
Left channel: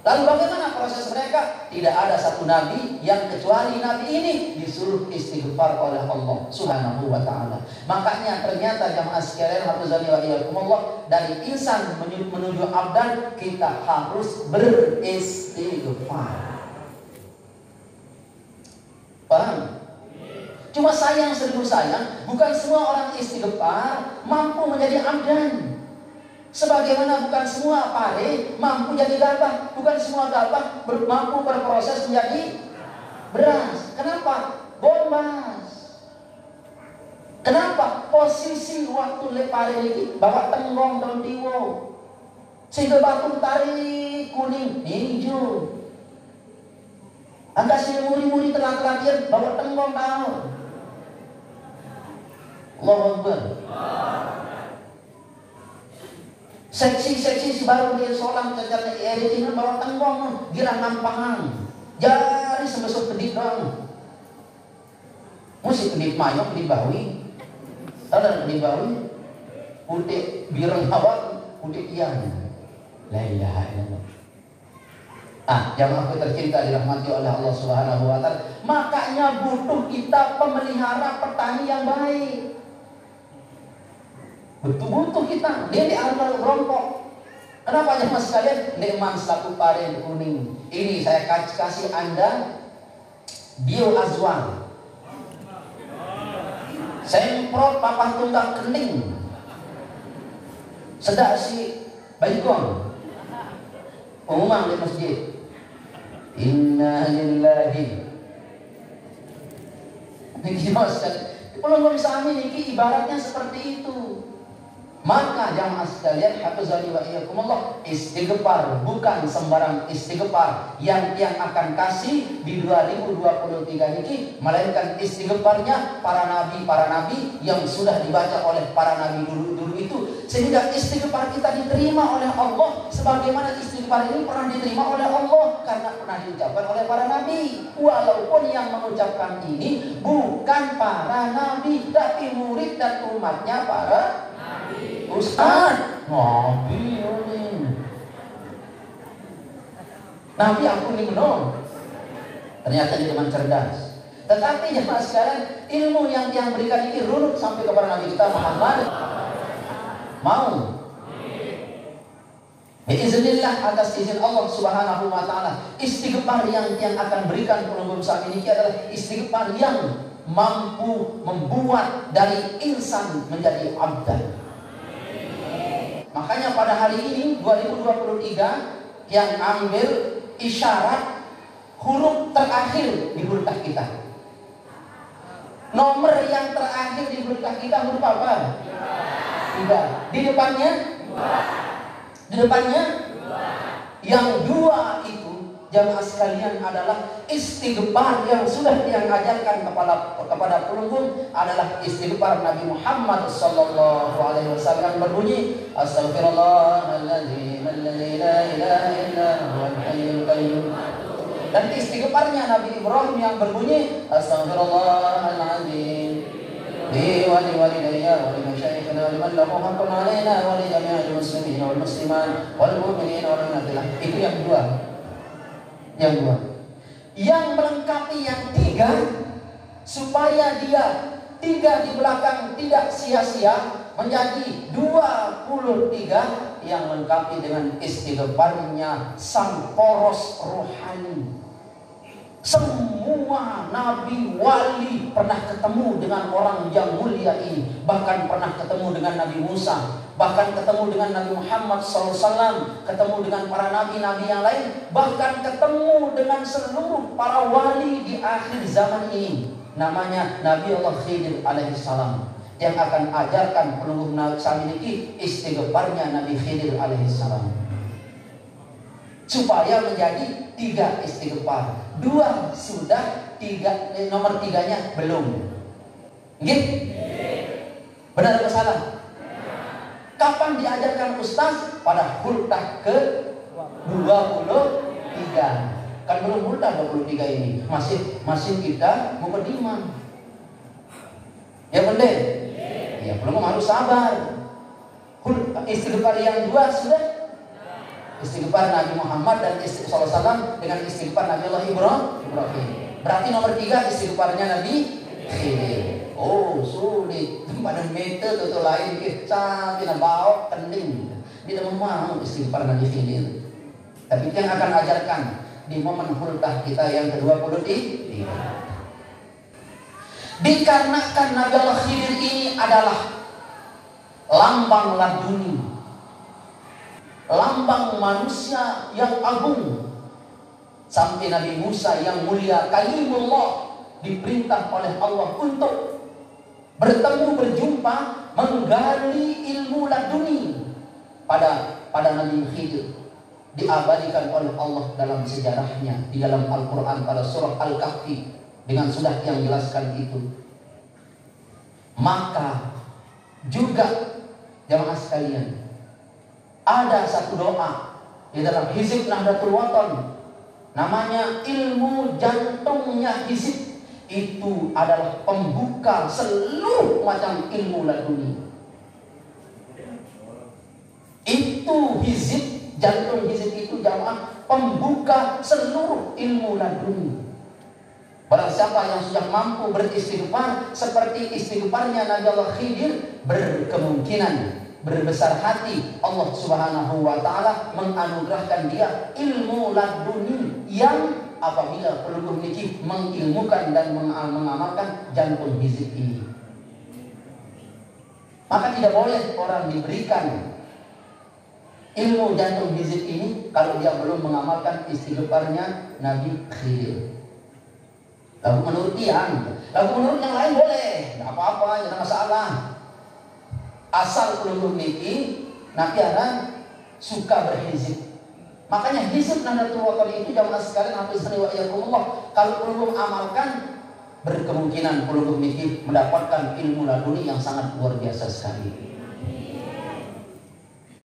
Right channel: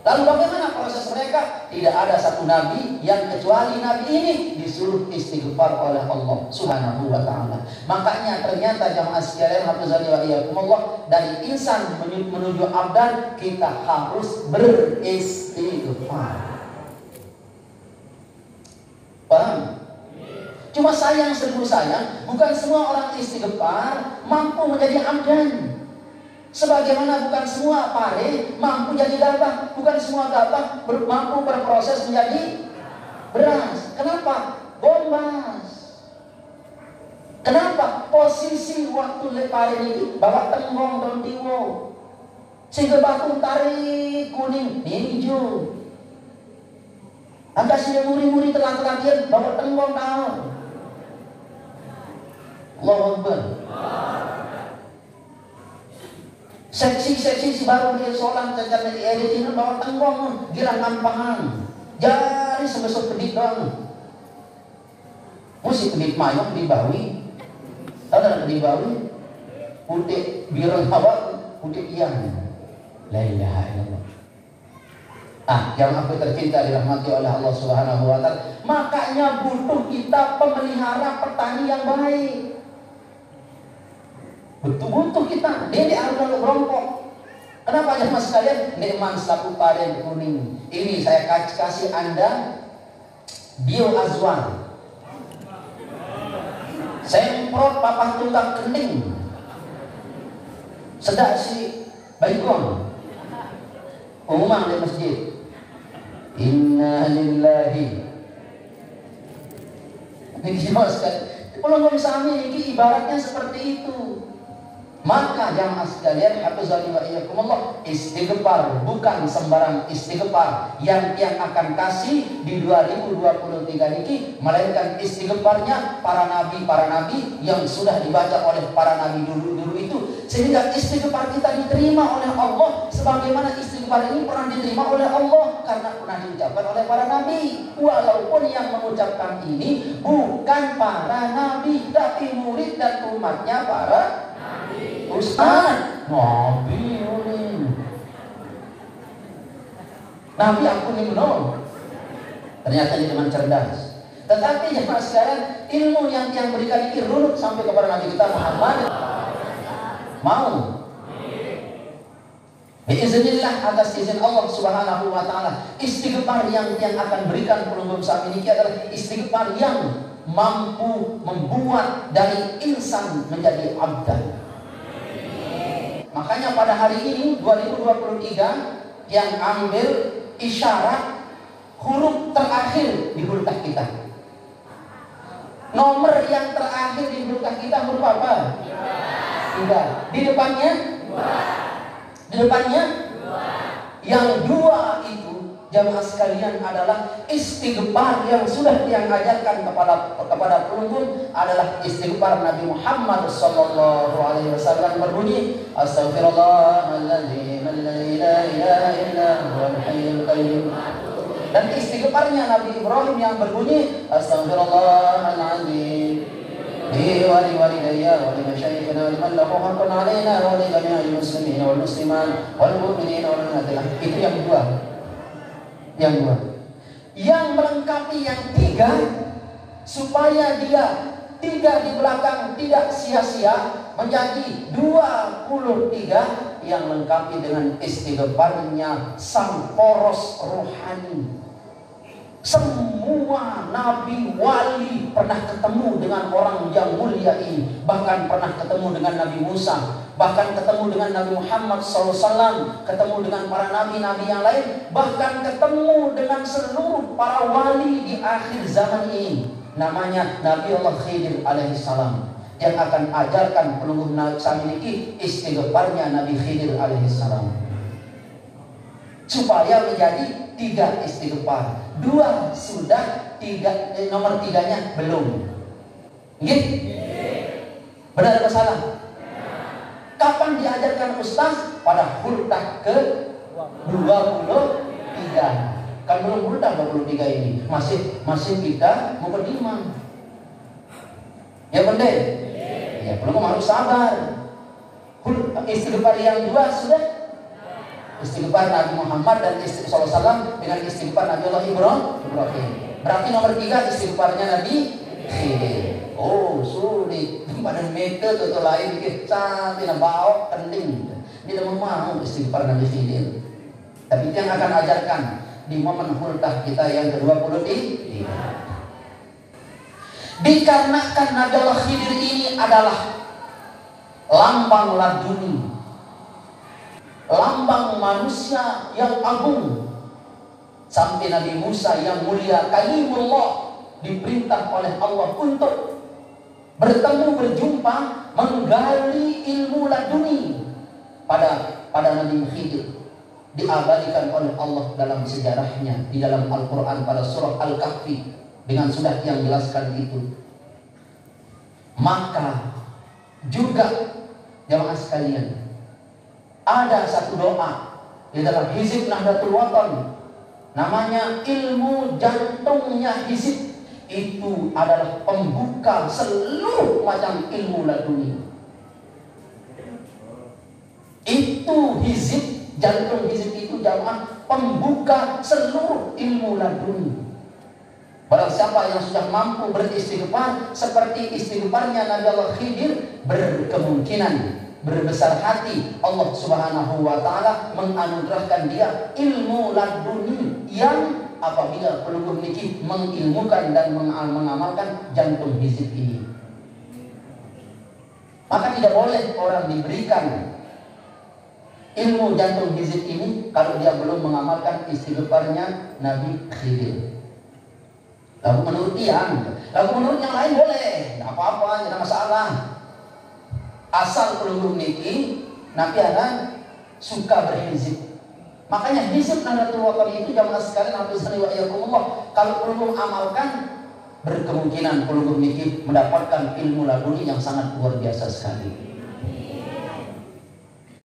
Lalu bagaimana proses mereka? Tidak ada satu nabi yang kecuali nabi ini disuruh istighfar oleh Allah Subhanahu wa ta'ala. Makanya ternyata jamaah sekalian, dari insan menuju abdan kita harus beristighfar. Paham? Cuma sayang, seribu sayang, bukan semua orang istighfar mampu menjadi abdan. Sebagaimana bukan semua pare mampu jadi gabah, bukan semua gabah mampu berproses menjadi beras. Kenapa? Bombas. Kenapa? Posisi waktu lepare ini bawa tenggong dan tiwo, sehingga batu tarik kuning hijau. Anda sini muri-muri telat-telat bawa tenggong daun. Allahu Akbar. Seksi-seksi si baru dia seorang cacat di editing bawa tenggong girang nampangan jari sebesar pedit doang. Musik pedit mayok pedit bawi, ada pedit bawi putih birang hawa putih ian. La ilaha illallah. Yang aku tercinta dirahmati oleh Allah Subhanahu wa ta'ala. Makanya butuh kita pemelihara petani yang baik. Butuh kita. Dia di awal rompok. Kenapa ya mas sekalian? Nikmat satu paren kuning. Ini saya kasih Anda bioazwan. Semprot papan tunggal kening. Sedak si baikon. Umum di masjid. Inna lillahi. Ini jelas kan? Kalau nggak bisa ambil ini ibaratnya seperti itu. Maka jamaah sekalian, hafizani wa iyyakumullah, istighfar bukan sembarang istighfar yang akan kasih di 2023 ini, melainkan istighfarnya para nabi yang sudah dibaca oleh para nabi dulu itu, sehingga istighfar kita diterima oleh Allah sebagaimana istighfar ini pernah diterima oleh Allah karena pernah diucapkan oleh para nabi. Walaupun yang mengucapkan ini bukan para nabi, tapi murid dan umatnya para Ustaz, Nabi Nabi aku nih belum. Ternyata dia memang cerdas. Tetapi jemaah sekalian, ilmu yang berikan ini runut sampai kepada Nabi kita Muhammad. Mau? Biiznillah, atas izin Allah Subhanahu wa ta'ala, istighfar yang akan berikan penunggu saat ini adalah istighfar yang mampu membuat dari insan menjadi abdan. Makanya pada hari ini 2023 yang ambil isyarat huruf terakhir di huruf kita. Nomor yang terakhir di huruf kita huruf apa? 2. Di depannya? 2. Di depannya? 2. Yang 2 itu jamaah sekalian adalah istighfar yang sudah diajarkan kepada penonton, adalah istighfar Nabi Muhammad sallallahu alaihi wasallam berbunyi astaghfirullahaladzim alladzi la ilaha illa huwal hayyul qayyum. Dan istighfarnya Nabi Ibrahim yang berbunyi astaghfirullahaladzim li wa li walidayya wa liman syahida wa liman lahu haqqun 'alaina wa li jami'il muslimin wal muslimat wal mu'minina wal mu'minat. Itu yang 2. Yang melengkapi yang 3, supaya dia 3 di belakang tidak sia-sia, menjadi 23 yang melengkapi dengan istighfarnya sang poros rohani. Semua nabi wali pernah ketemu dengan orang yang mulia ini, bahkan pernah ketemu dengan Nabi Musa, bahkan ketemu dengan Nabi Muhammad SAW, ketemu dengan para nabi-nabi yang lain, bahkan ketemu dengan seluruh para wali di akhir zaman ini. Namanya Nabi Allah Khidir alaihissalam, yang akan ajarkan penunggu Nabi ini istighfarnya Nabi Khidir alaihissalam. supaya menjadi 3 istighfar. 2 sudah, nomor 3-nya belum. Nggih? Benar atau salah? Kapan diajarkan Ustaz? Pada huldah ke 23. Kan belum huldah 23 ini. Masih kita mukadimah. Ya benar? Ya belum, harus sabar. Istighfar yang 2 sudah. Istighfar Nabi Muhammad dan istighfar SAW dengan istighfar Nabi Allah Ibrahim. Berarti nomor 3 istighfarnya Nabi Khidir. Oh sulit. Pada meter atau lain sampai bawa penting. Tidak mau istighfar Nabi Khidir. Tapi itu yang akan ajarkan di momen huldah kita yang ke-23. Dikarenakan Nabi Allah Khidir ini adalah lambang laduni, lambang manusia yang agung. Sampai Nabi Musa yang mulia kalimullah diperintah oleh Allah untuk bertemu, berjumpa, menggali ilmu laduni pada Nabi Khidir. Diabadikan oleh Allah dalam sejarahnya di dalam Al-Quran pada surah Al-Kahfi dengan sudah yang jelaskan itu. Maka juga jamaah sekalian, ada satu doa di dalam Hizib Nahdlatul Watan, namanya ilmu jantungnya Hizib. Itu adalah pembuka seluruh macam ilmu laduni. Itu Hizib, jantung Hizib itu jamaah pembuka seluruh ilmu laduni. Barang siapa yang sudah mampu beristighfar seperti istighfarnya Nabi Allah Khidir, berkemungkinan, berbesar hati Allah Subhanahu wa Ta'ala menganugerahkan dia ilmu laduni yang apabila peluru niki mengilmukan dan mengamalkan jantung Hizib ini. Maka tidak boleh orang diberikan ilmu jantung Hizib ini kalau dia belum mengamalkan istighfarnya Nabi Khidir. Lalu menurut menurut yang lain boleh, nggak apa-apa, tidak masalah. Asal peluru niki nanti akan suka berhizib. Makanya hizib Nahdlatul Watan itu jamaah sekalian Allah, kalau peluru amalkan berkemungkinan peluru niki mendapatkan ilmu laduni yang sangat luar biasa sekali.